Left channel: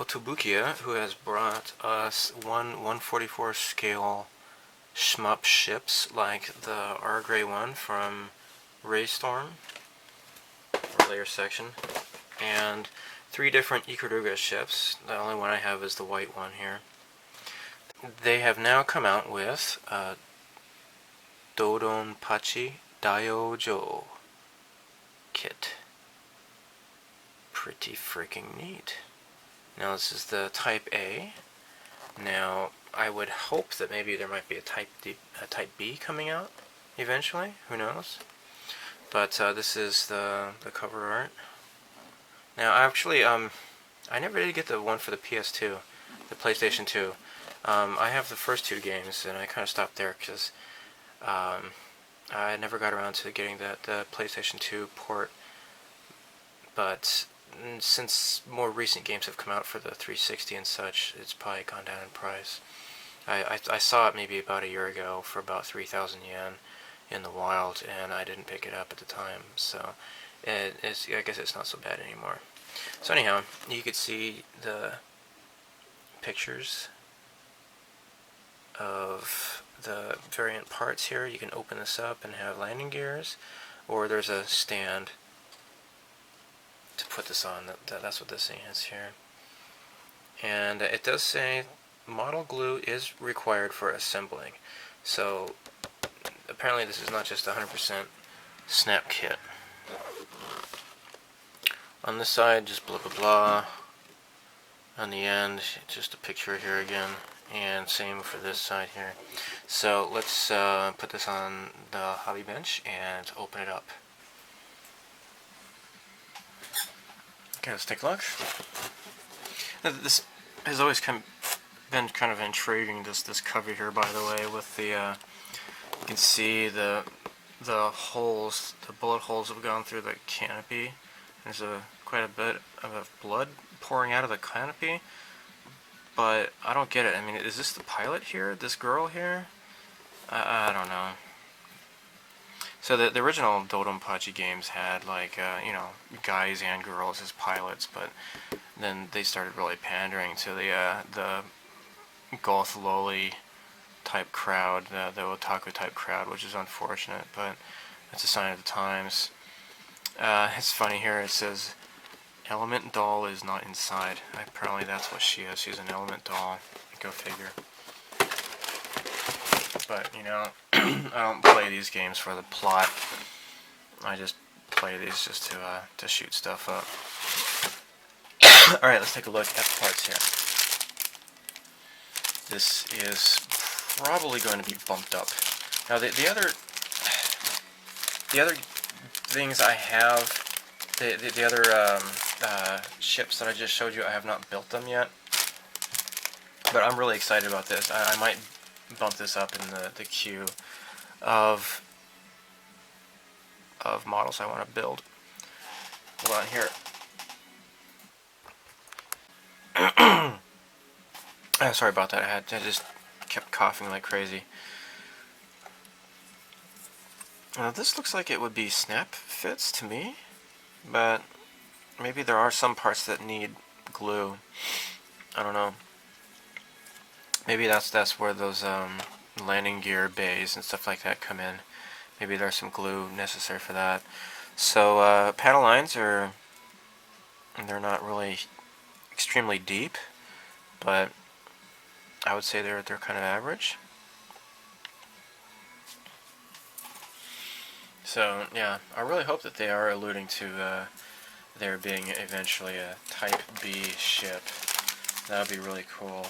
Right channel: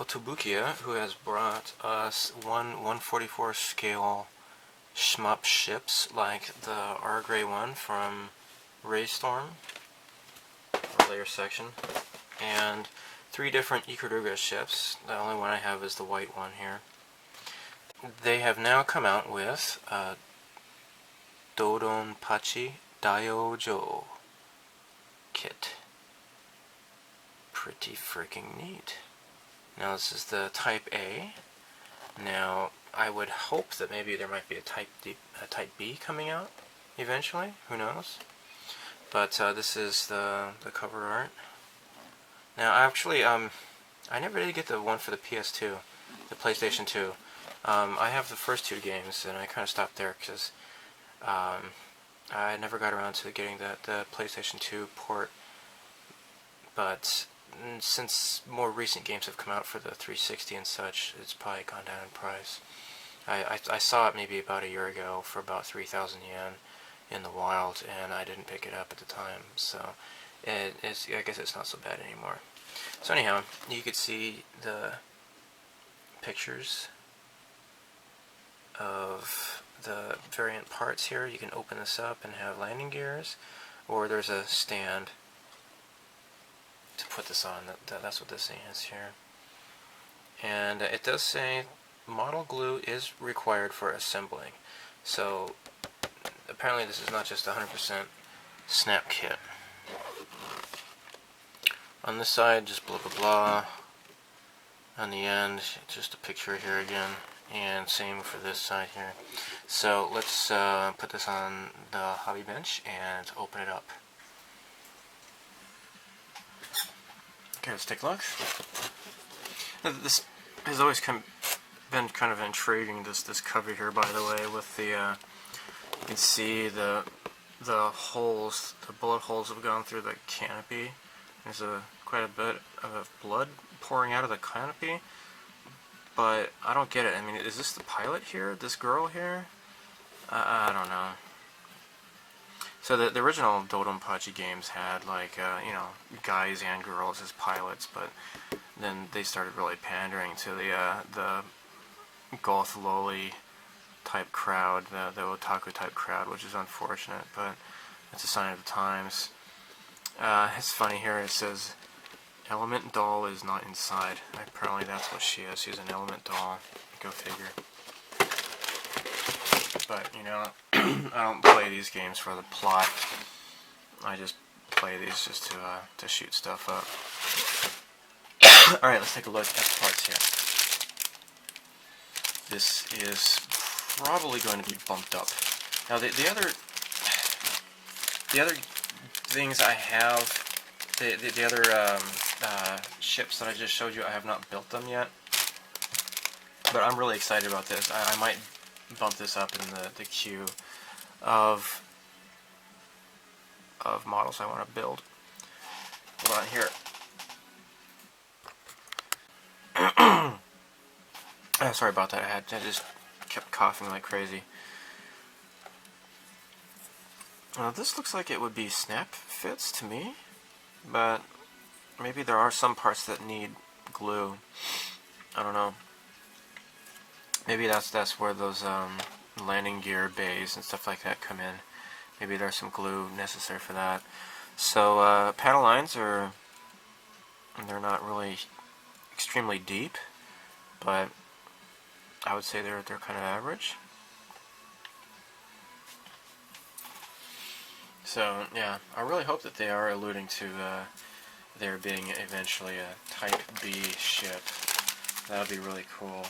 Kotobukiya, who has brought us 1/144 scale shmup ships like the R Gray one from Raystorm, or layer section, and 3 different Ikaruga ships. The only one I have is the white one here. They have now come out with Dodonpachi Daioujou kit. Pretty freaking neat. Now this is the Type A. Now I would hope that maybe there might be a Type B coming out eventually. Who knows? But this is the cover art. Now actually, I never did get the one for the PS2, the PlayStation 2. I have the first 2 games, and I kind of stopped there because I never got around to getting the PlayStation 2 port. But since more recent games have come out for the 360 and such, it's probably gone down in price. I saw it maybe about a year ago for about 3,000 yen in the wild, and I didn't pick it up at the time, so I guess it's not so bad anymore. So anyhow, you could see the pictures of the variant parts here. You can open this up and have landing gears, or there's a stand to put this on. That's what this thing is here. And it does say model glue is required for assembling. So apparently this is not just 100% snap kit. On this side, just blah blah blah. On the end, just a picture here again, and same for this side here. So let's put this on the hobby bench and open it up. Okay, let's take a look. This has always been kind of intriguing, this cover here, by the way, with the you can see the holes, the bullet holes have gone through the canopy. There's quite a bit of blood pouring out of the canopy, but I don't get it. I mean, is this the pilot here? This girl here? I don't know. So the original Dodonpachi games had like you know, guys and girls as pilots, but then they started really pandering to the goth loli type crowd, the otaku type crowd, which is unfortunate, but it's a sign of the times. It's funny here, it says element doll is not inside. Apparently that's what she is. She's an element doll. Go figure. But, you know, I don't play these games for the plot. I just play these just to shoot stuff up. Alright, let's take a look at the parts here. This is probably going to be bumped up. Now the other things I have, the other ships that I just showed you, I have not built them yet. But I'm really excited about this. I might bump this up in the queue of models I want to build. Hold on here. Sorry about that. I just kept coughing like crazy. Now this looks like it would be snap fits to me, but maybe there are some parts that need glue. I don't know. Maybe that's where those landing gear bays and stuff like that come in. Maybe there's some glue necessary for that. So paddle lines they're not really extremely deep, but I would say they're kind of average. So yeah, I really hope that they are alluding to there being eventually a Type B ship. That would be really cool.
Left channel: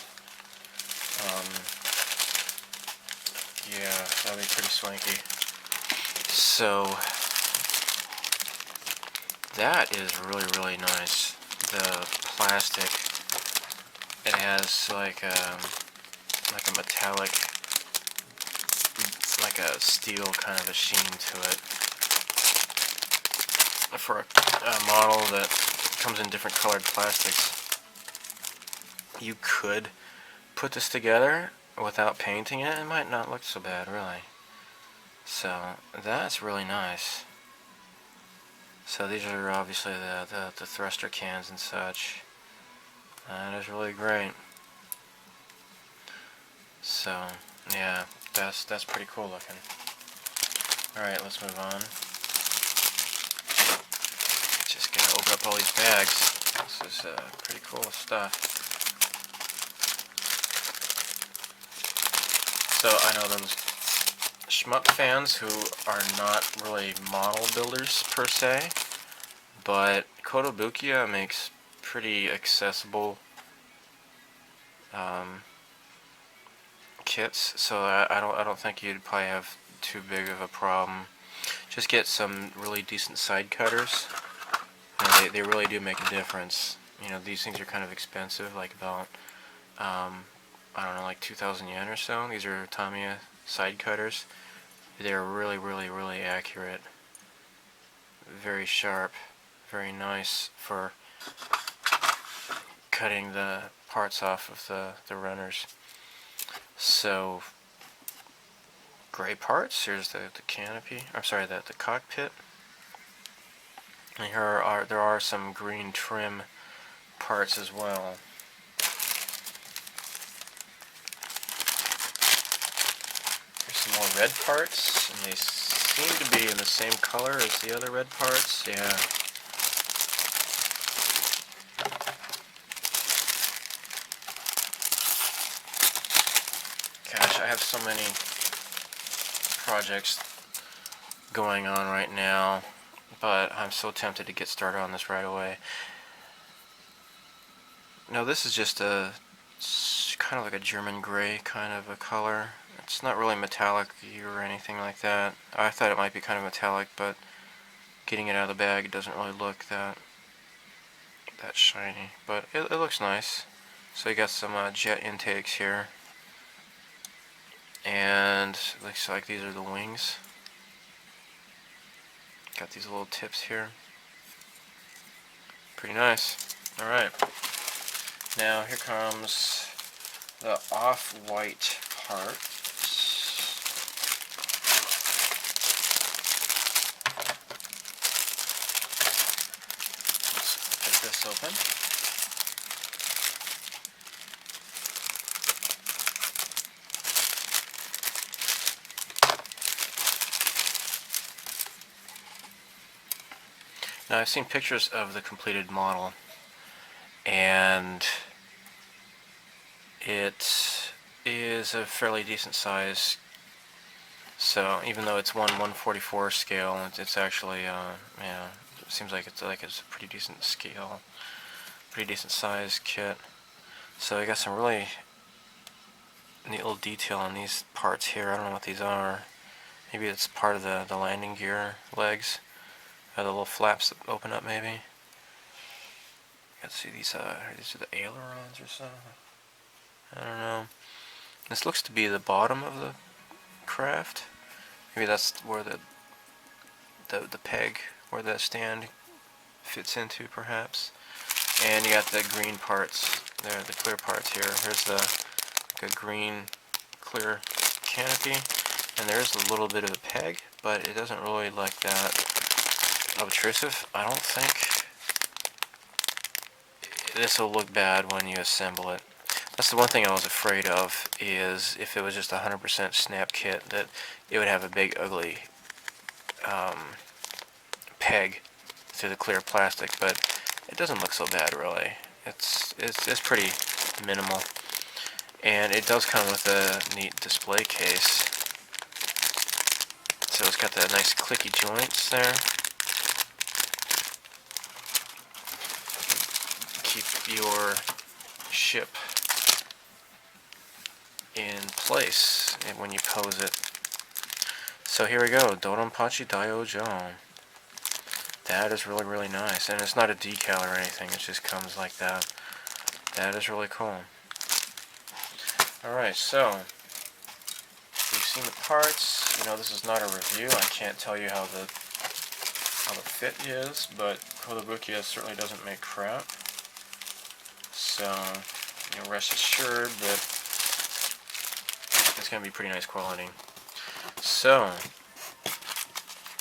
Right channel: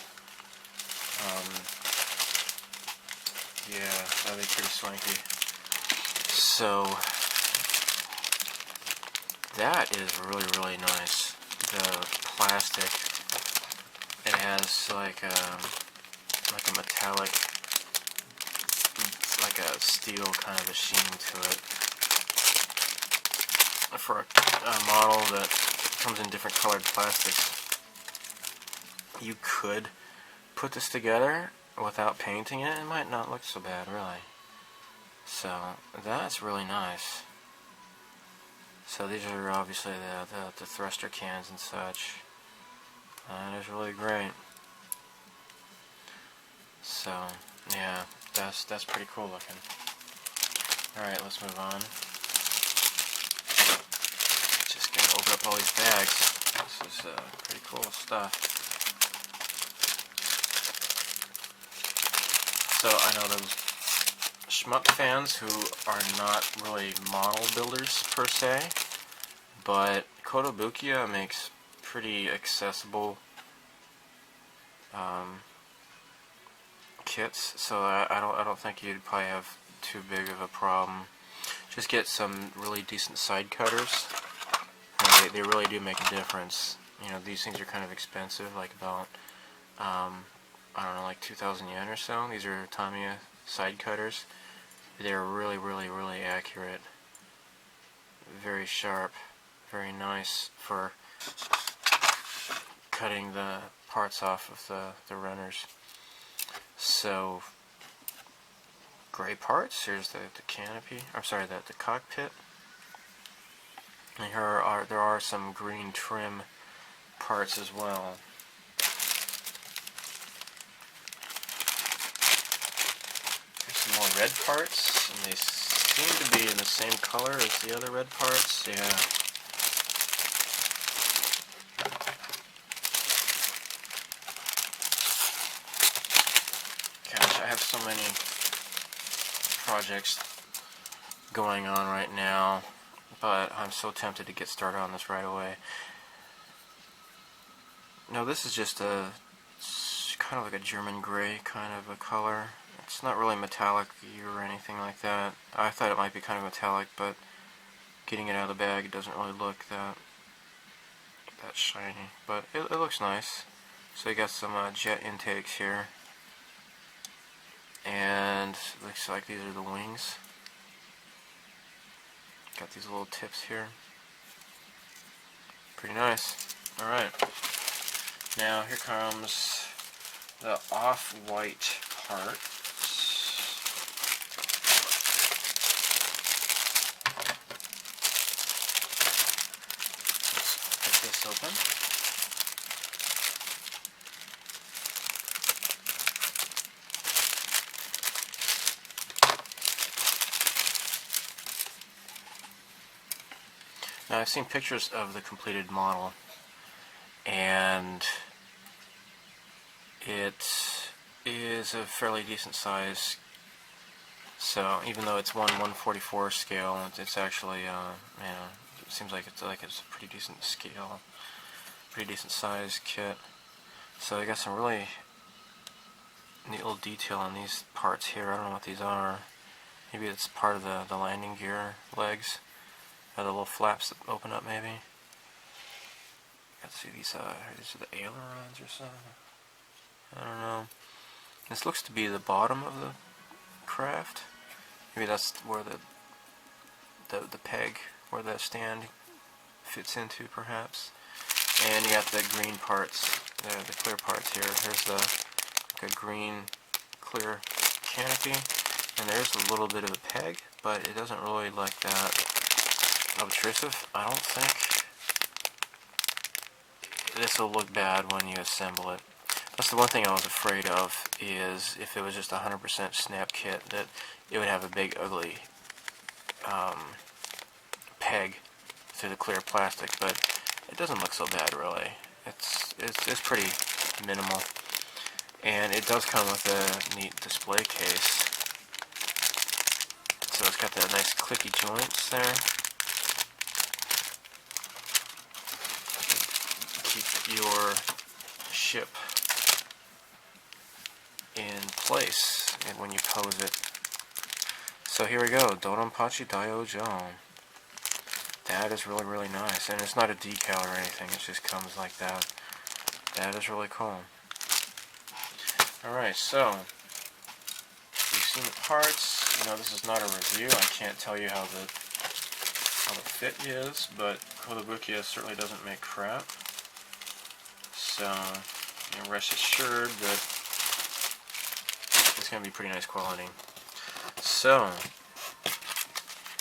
Yeah, that would be pretty swanky. So that is really, really nice. The plastic, it has like a metallic, like a steel kind of a sheen to it. For a model that comes in different colored plastics, you could put this together without painting it. It might not look so bad, really. So that's really nice. So these are obviously the thruster cans and such. That is really great. So, yeah, that's pretty cool looking. Alright, let's move on. Just gonna open up all these bags. This is pretty cool stuff. So, I know those shmup fans who are not really model builders per se, but Kotobukiya makes pretty accessible kits, so I don't think you'd probably have too big of a problem. Just get some really decent side cutters. You know, they really do make a difference. You know, these things are kind of expensive, like about I don't know, like 2,000 yen or so. These are Tamiya side cutters. They're really, really, really accurate. Very sharp. Very nice for cutting the parts off of the runners. So, gray parts. Here's the canopy. I'm sorry, the cockpit. And there are some green trim parts as well. There's some more red parts, and they seem to be in the same color as the other red parts. Yeah. Gosh, I have so many projects going on right now, but I'm so tempted to get started on this right away. Now this is just it's kind of like a German gray kind of a color. It's not really metallic or anything like that. I thought it might be kind of metallic, but getting it out of the bag, it doesn't really look that shiny. But it looks nice. So you got some jet intakes here. And looks like these are the wings. Got these little tips here. Pretty nice. Alright. Now here comes the off-white part. Let's get this open. Now I've seen pictures of the completed model, and it is a fairly decent size. So even though it's 1/144 scale, it's actually yeah, it seems like it's a pretty decent scale, pretty decent size kit. So I got some really neat little detail on these parts here. I don't know what these are. Maybe it's part of the landing gear legs. The little flaps that open up, maybe. Let's see, these are the ailerons or something. I don't know. This looks to be the bottom of the craft. Maybe that's where the peg, where the stand fits into, perhaps. And you got the green parts there, the clear parts here. Here's the green clear canopy, and there's a little bit of a peg, but it doesn't really like that obtrusive. I don't think this will look bad when you assemble it. That's the one thing I was afraid of, is if it was just 100% snap kit, that it would have a big ugly peg through the clear plastic, but it doesn't look so bad really. It's pretty minimal, and it does come with a neat display case. So it's got the nice clicky joints there. Keep your ship in place when you pose it. So here we go, Dodonpachi Daioujou. That is really, really nice, and it's not a decal or anything, it just comes like that. That is really cool. Alright, so you've seen the parts. You know, this is not a review. I can't tell you how the fit is, but Kotobukiya certainly doesn't make crap. So, you know, rest assured that it's going to be pretty nice quality. So,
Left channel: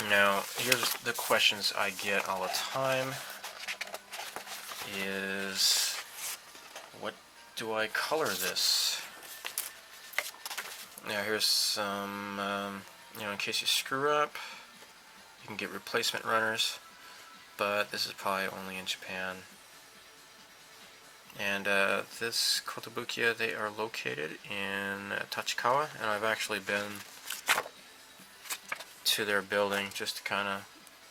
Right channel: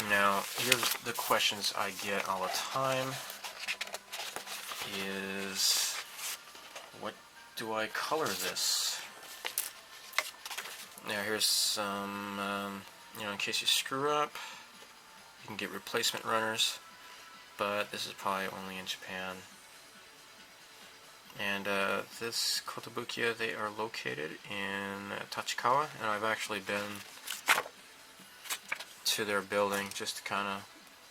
now here's the questions I get all the time. Is do I color this? Now here's some, you know, in case you screw up, you can get replacement runners, but this is probably only in Japan. And this Kotobukiya, they are located in Tachikawa, and I've actually been to their building just to kind of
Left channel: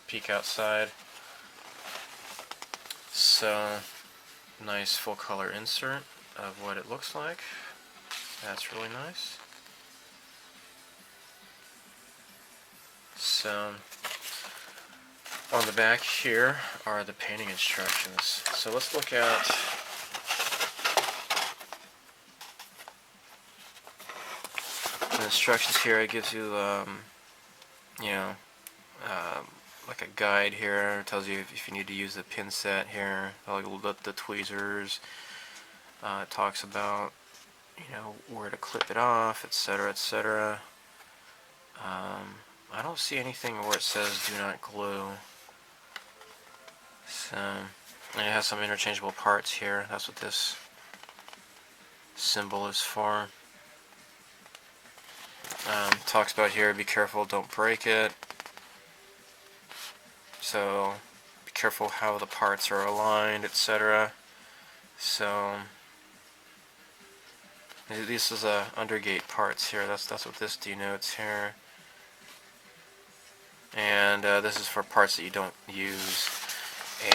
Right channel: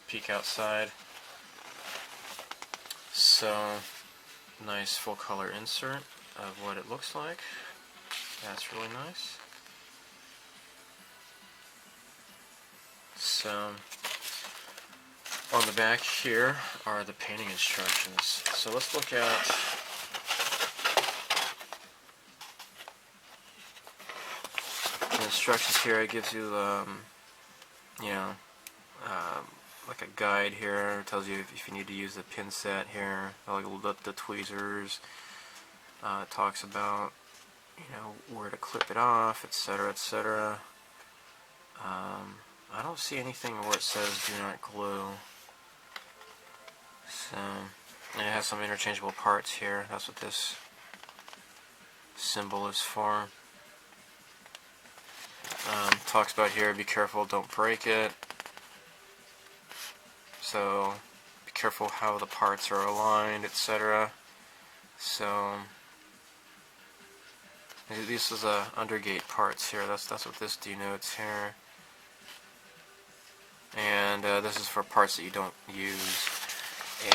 peek outside. So, nice full color insert of what it looks like. That's really nice. So, on the back here are the painting instructions. So let's look at the instructions here. It gives you, you know, like a guide here. It tells you if you need to use the pin set here, like the tweezers. It talks about, you know, where to clip it off, etc., etc. I don't see anything where it says do not glue. So, and it has some interchangeable parts here. That's what this symbol is for. Talks about here, be careful, don't break it. So, be careful how the parts are aligned, etc. So, this is undergate parts here. That's what this denotes here. And this is for parts that you don't use.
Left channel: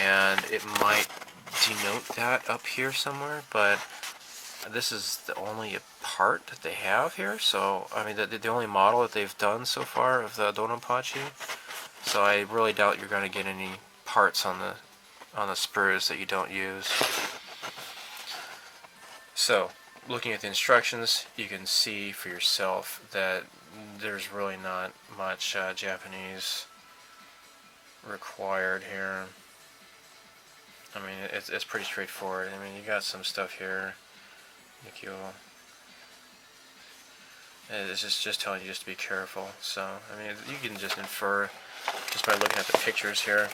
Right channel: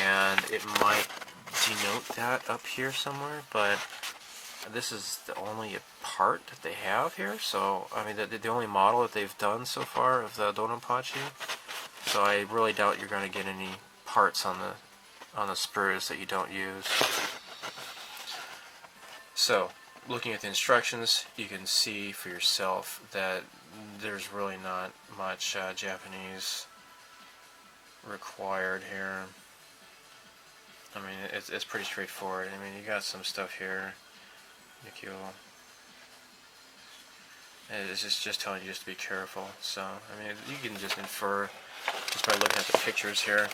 And it might denote that up here somewhere, but this is the only part that they have here. So, I mean, the only model that they've done so far of the Dodonpachi. So I really doubt you're going to get any parts on the spurs that you don't use. So, looking at the instructions, you can see for yourself that there's really not much Japanese required here. I mean, it's pretty straightforward. I mean, you got some stuff here. It's just telling you just to be careful. So, I mean, you can just infer just by looking at the pictures here.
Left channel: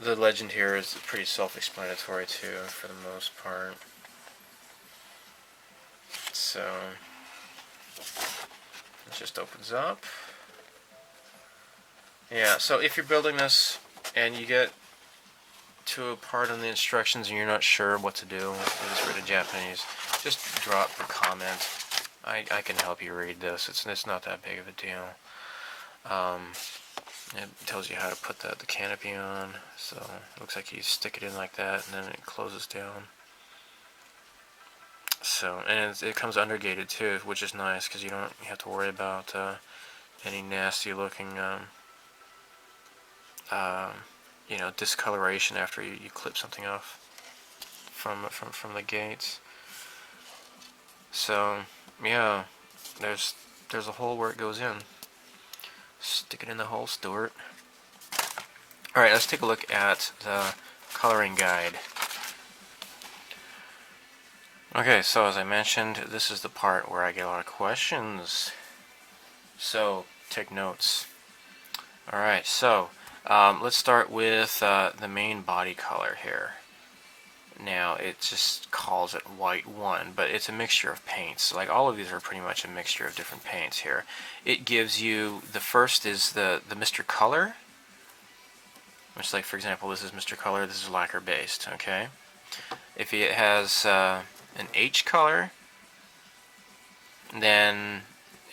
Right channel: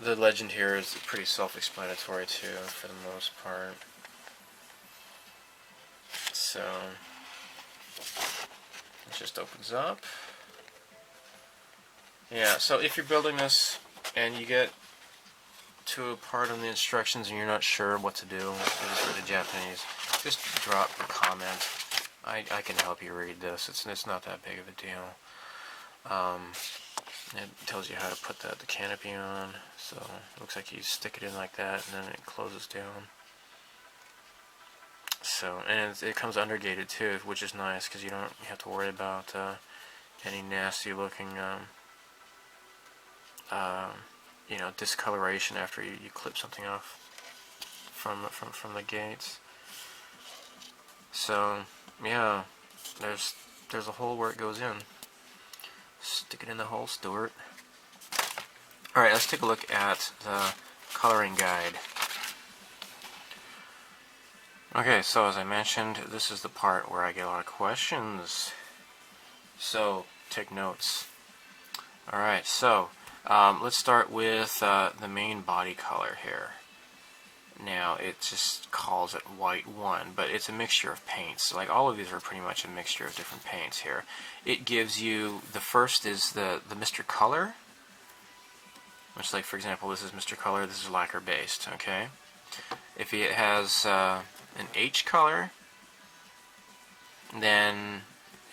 The legend here is pretty self-explanatory too, for the most part. So, it just opens up. Yeah, so if you're building this and you get to a part in the instructions and you're not sure what to do, it's written in Japanese, just drop a comment. I can help you read this. It's not that big of a deal. It tells you how to put the canopy on. So it looks like you stick it in like that and then it closes down. So, and it comes undergated too, which is nice because you don't have to worry about any nasty looking you know, discoloration after you clip something off from the gates. So yeah, there's a hole where it goes in. Stick it in the hole, Stuart. Alright, let's take a look at the coloring guide. Okay, so as I mentioned, this is the part where I get a lot of questions. So, take notes. Alright, so let's start with the main body color here. Now, it just calls it white 1, but it's a mixture of paints. Like, all of these are pretty much a mixture of different paints here. It gives you, the first is the Mr. Color, which, like, for example, this is Mr. Color, this is lacquer based, okay? If it has an H color, then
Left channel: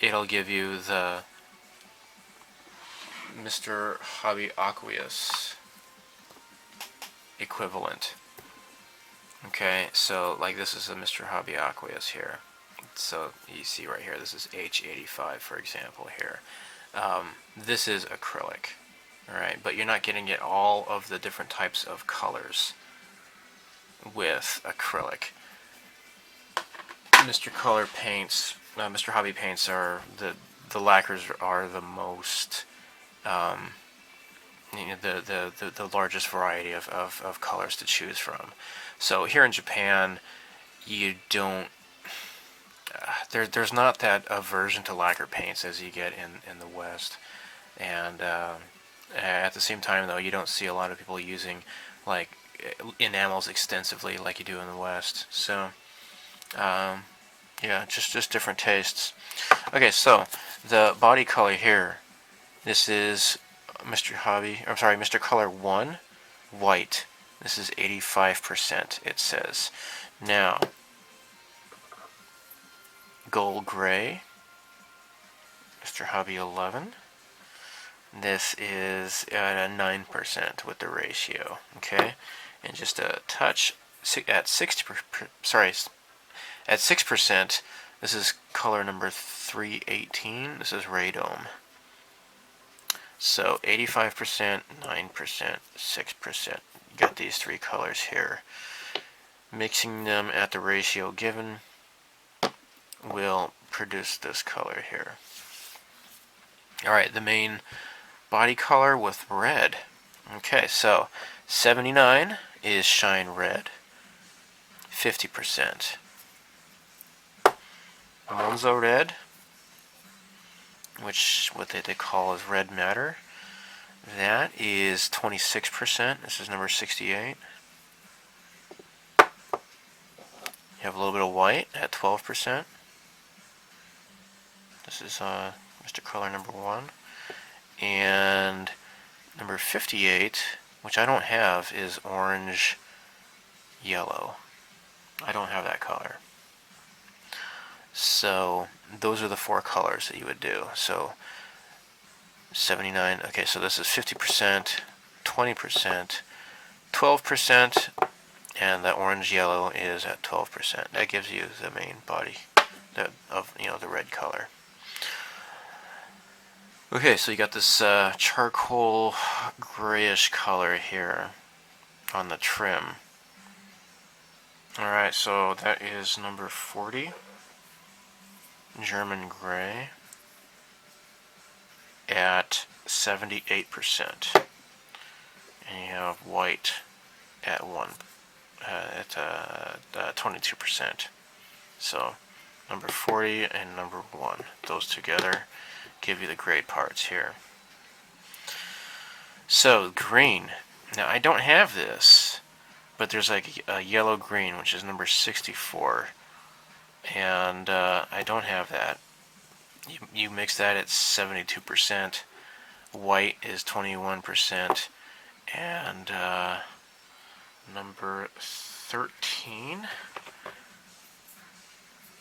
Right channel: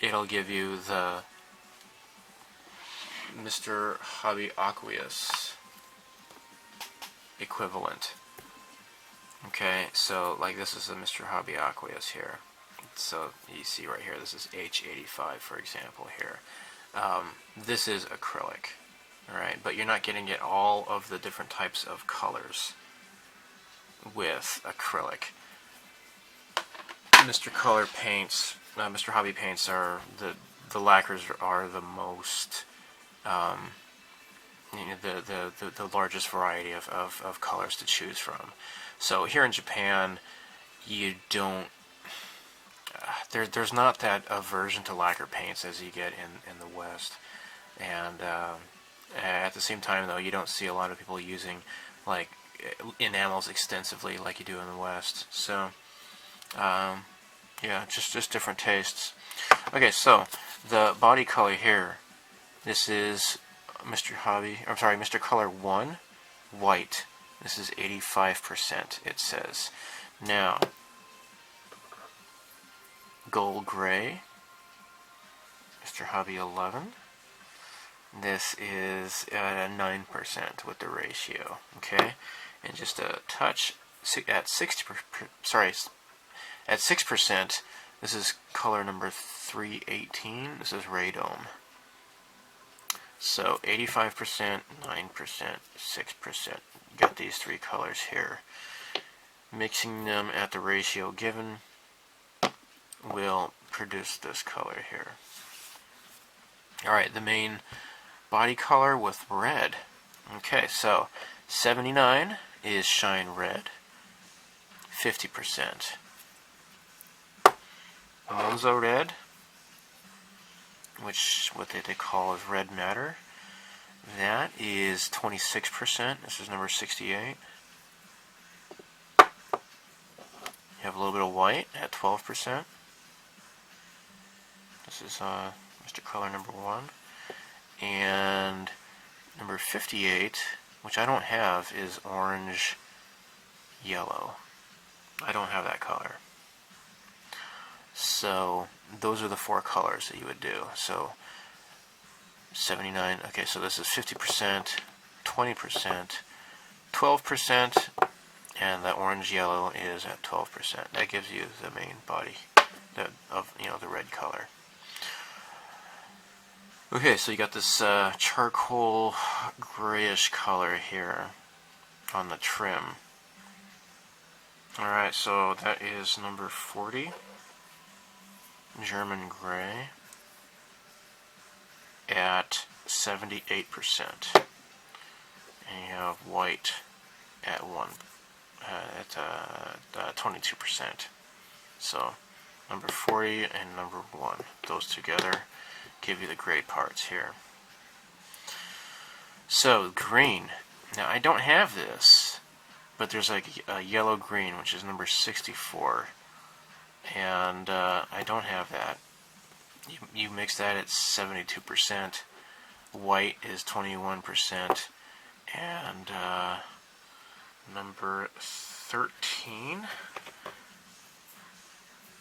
it'll give you the Mr. Hobby Aqueous equivalent. Okay, so like this is a Mr. Hobby Aqueous here. So you see right here, this is H85 for example here. This is acrylic, alright, but you're not getting it all of the different types of colors with acrylic. Mr. Color paints, Mr. Hobby paints are the lacquers are the most you know, the largest variety of colors to choose from. So here in Japan, you don't there's not that aversion to lacquer paints as you get in the West, and At the same time, though, you don't see a lot of people using like enamels extensively like you do in the West. So yeah, just different tastes. Okay, so the body color here. This is Mr. Color 1, white. This is 85%, it says. Now, gold gray, Mr. Hobby 11. This is at a 9% with the ratio, okay? And just a touch at 6%, this is color number 318. This is radome. So 85%, 9%, 6%. You got these three colors here. Mixing them at the ratio given will produce this color here. Alright, the main body color with red. Okay, so 79 is shine red, 50%. Monzo red, which what they call is red matter, that is 26%. This is number 68. You have a little bit of white at 12%. This is Mr. Color number 1. And number 58, which I don't have, is orange yellow. I don't have that color. So those are the four colors that you would do. So 79, okay, so this is 50%, 20%, 12%, and that orange yellow is at 12%. That gives you the main body of the red color. Okay, so you got this charcoal grayish color here on the trim. Alright, so that is number 40, German gray, at 78%. And you have white at 22%. So number 40 and number 1, those together give you the gray parts here. So green. Now I don't have this, but there's like a yellow green, which is number 64, and I don't have that. You mix that at 72%. White is 21%, and number 13,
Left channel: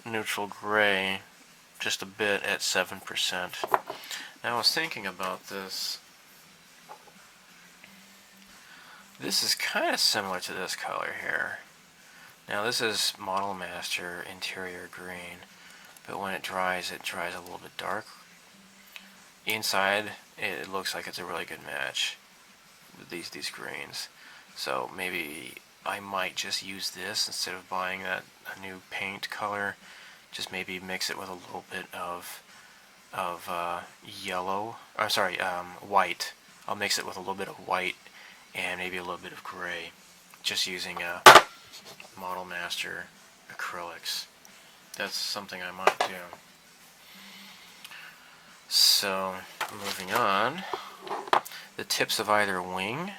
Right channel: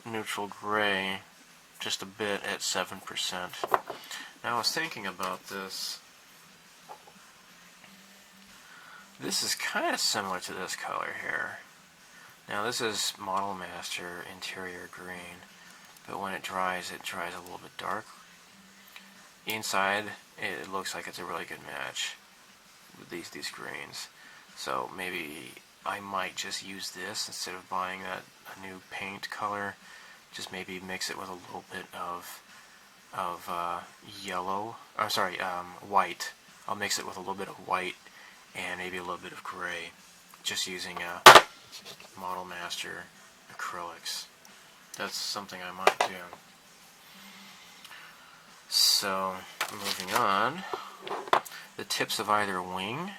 neutral gray, just a bit at 7%. Now I was thinking about this. This is kind of similar to this color here. Now this is Model Master Interior Green, but when it dries a little bit dark. Inside, it looks like it's a really good match with these greens. So maybe I might just use this instead of buying a new paint color. Just maybe mix it with a little bit of yellow. I'm sorry, white. I'll mix it with a little bit of white and maybe a little bit of gray, just using Model Master acrylics. That's something I might do. So, moving on, the tips of either wing,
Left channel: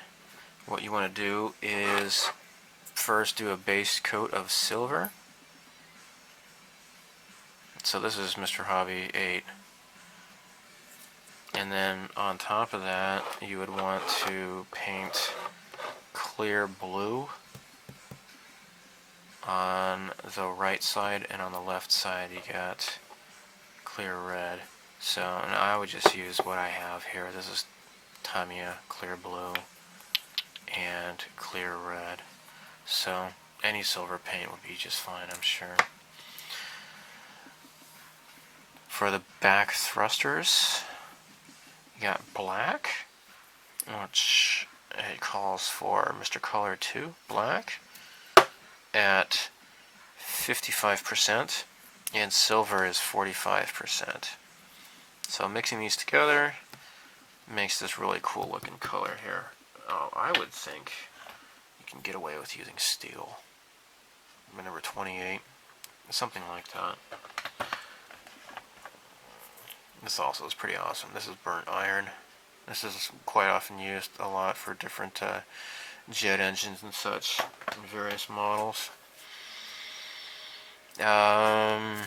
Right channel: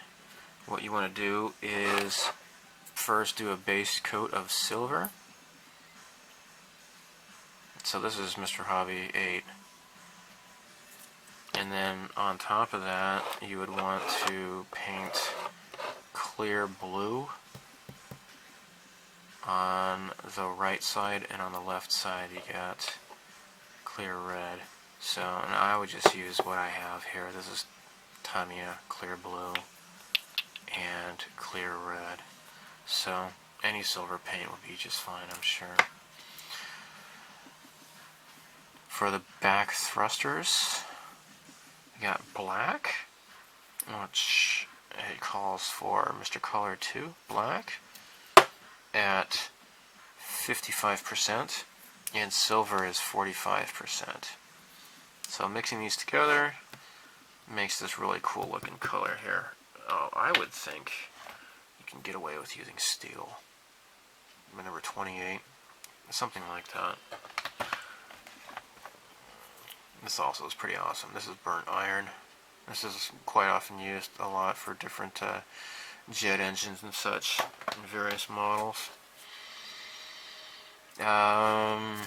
what you want to do is first do a base coat of silver. So this is Mr. Hobby 8. And then on top of that, you would want to paint clear blue on the right side, and on the left side you got clear red. So, and I would just use what I have here. This is Tamiya clear blue and clear red. So any silver paint would be just fine, I'm sure. For the back thrusters, you got black, which it calls for Mr. Color 2, black, at 55%, and silver is 45%. So mixing these together makes this really cool looking color here. Oh, I would think you can get away with using steel. Number 28, something like that. This also is pretty awesome. This is burnt iron. This is quite often used a lot for different jet engines and such in various models. Yeah,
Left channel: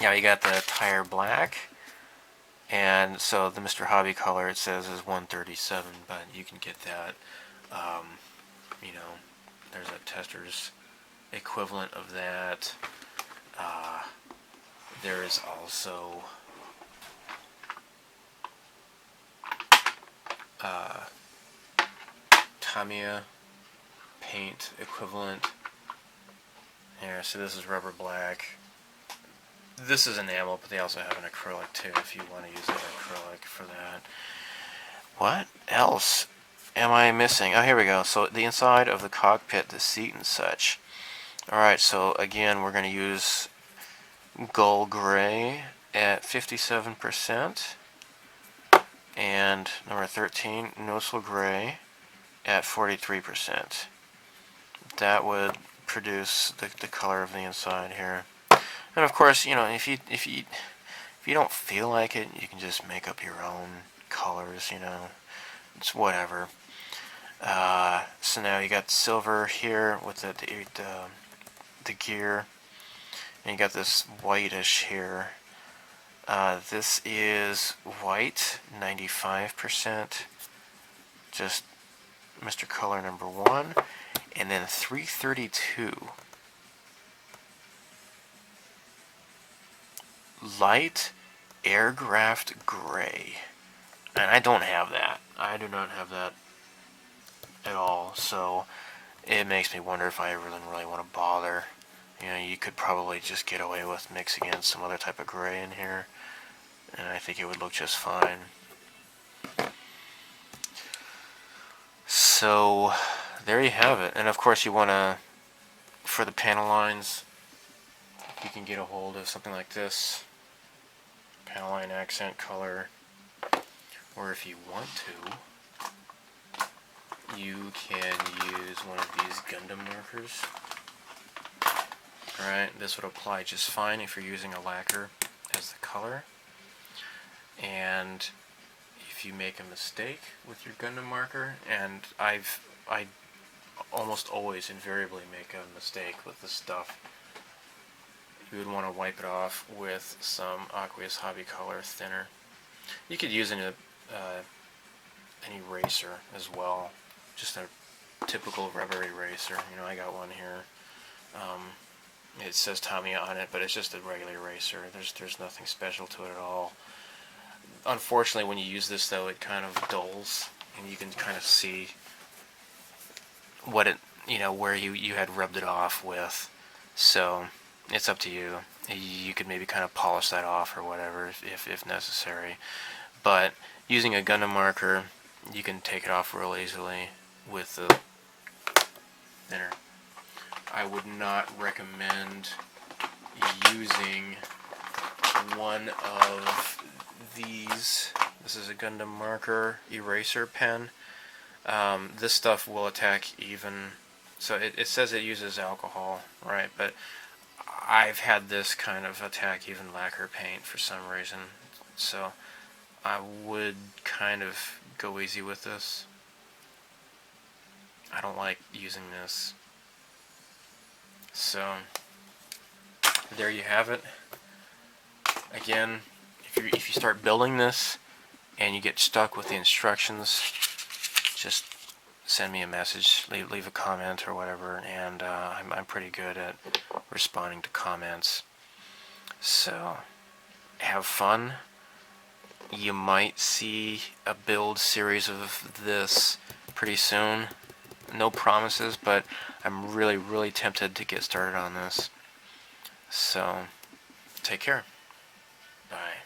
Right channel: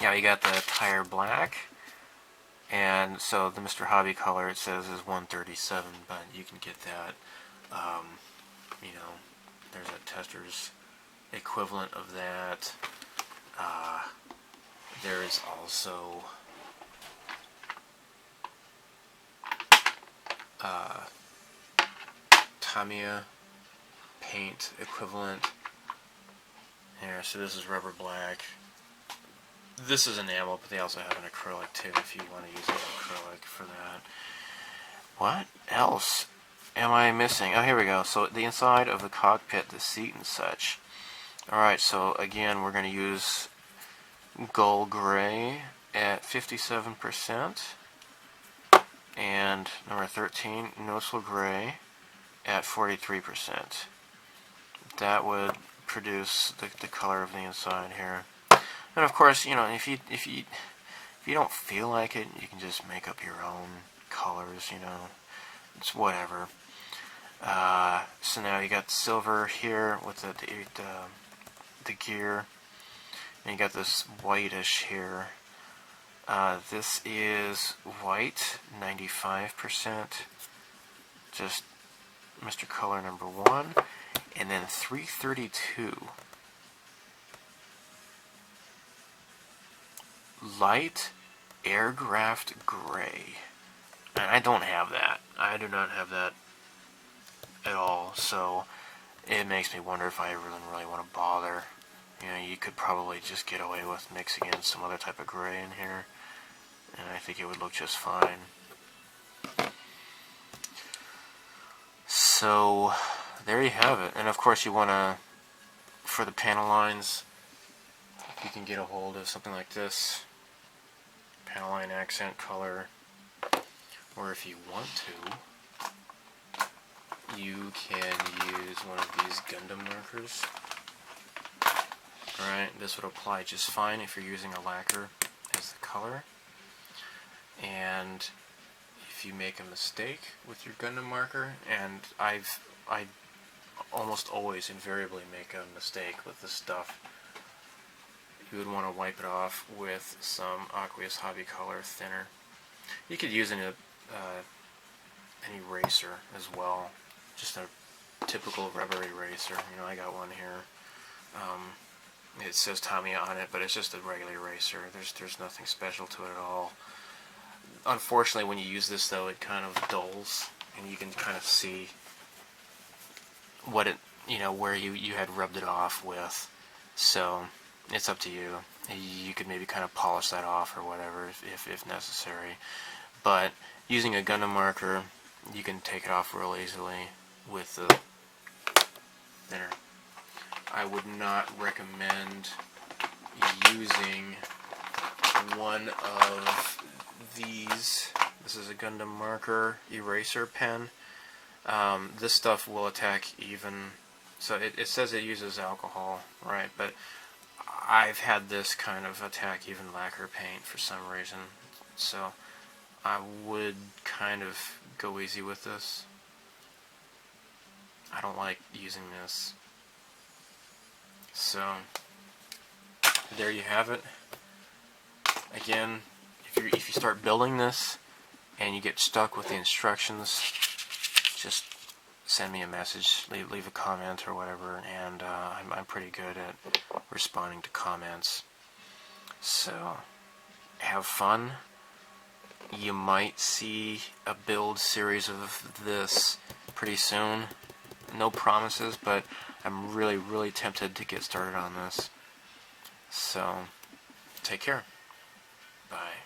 you got the tire black, and so the Mr. Hobby color it says is 137, but you can get that. You know, there's a tester's equivalent of that. There is also Tamiya paint equivalent here. So this is rubber black. This is enamel, but they also have an acrylic too if you want to use an acrylic for that. What else am I missing? Oh, here we go. So the inside of the cockpit, the seat and such. Alright, so again we're going to use Gull Gray at 57%. And number 13, Noticeable Gray at 43%. That would produce the color of the inside here. And of course, you know, if you don't feel like it, you can just make up your own colors. You know, it's whatever. So now you got silver here with the gear, and you got this whitish here. This is white, 95%. Just Mr. Color number 1, and then 332. Light Aircraft Gray. And I don't have that. I do not have that at all, so it makes me wonder if I really want to bother. You know, you could probably just get away with mixing in some other type of gray in here, and I think it would look just fine. So there you have it. And of course you want to, for the panel lines, you can get a hold of something like this, panel line accent color, or if you want to, you can use one of these Gundam markers. Alright, this would apply just fine if you're using a lacquer as the color. And if you make a mistake with your Gundam marker, and I almost always invariably make a mistake with this stuff, you would want to wipe it off with some Aqueous Hobby Color thinner. You could use an eraser as well, just a typical rubber eraser. You know, I got one here. It says Tamiya on it, but it's just a regular eraser. There's nothing special to it at all. Unfortunately, when you use this, though, it kind of dulls, and you can kind of see what it, you know, where you had rubbed it off with. So it's up to you. You could maybe kind of polish that off or whatever if necessary. But using a Gundam marker, you can take it off real easily with the thinner. I would not recommend using one of these. This is a Gundam marker eraser pen. This stuff will attack even, so it says it uses alcohol, right? But I've had this kind of attack even lacquer paint for some reason, so I would kind of go easy with this. I don't like using this. So there you have it. Again, if you start building this and you get stuck with the instructions, just send me a message, leave a comment or whatever, and I'm pretty good at responding to comments. So have fun. You might see a build series of this pretty soon. No promises, but I'm really tempted to get started on this. So take care. Bye.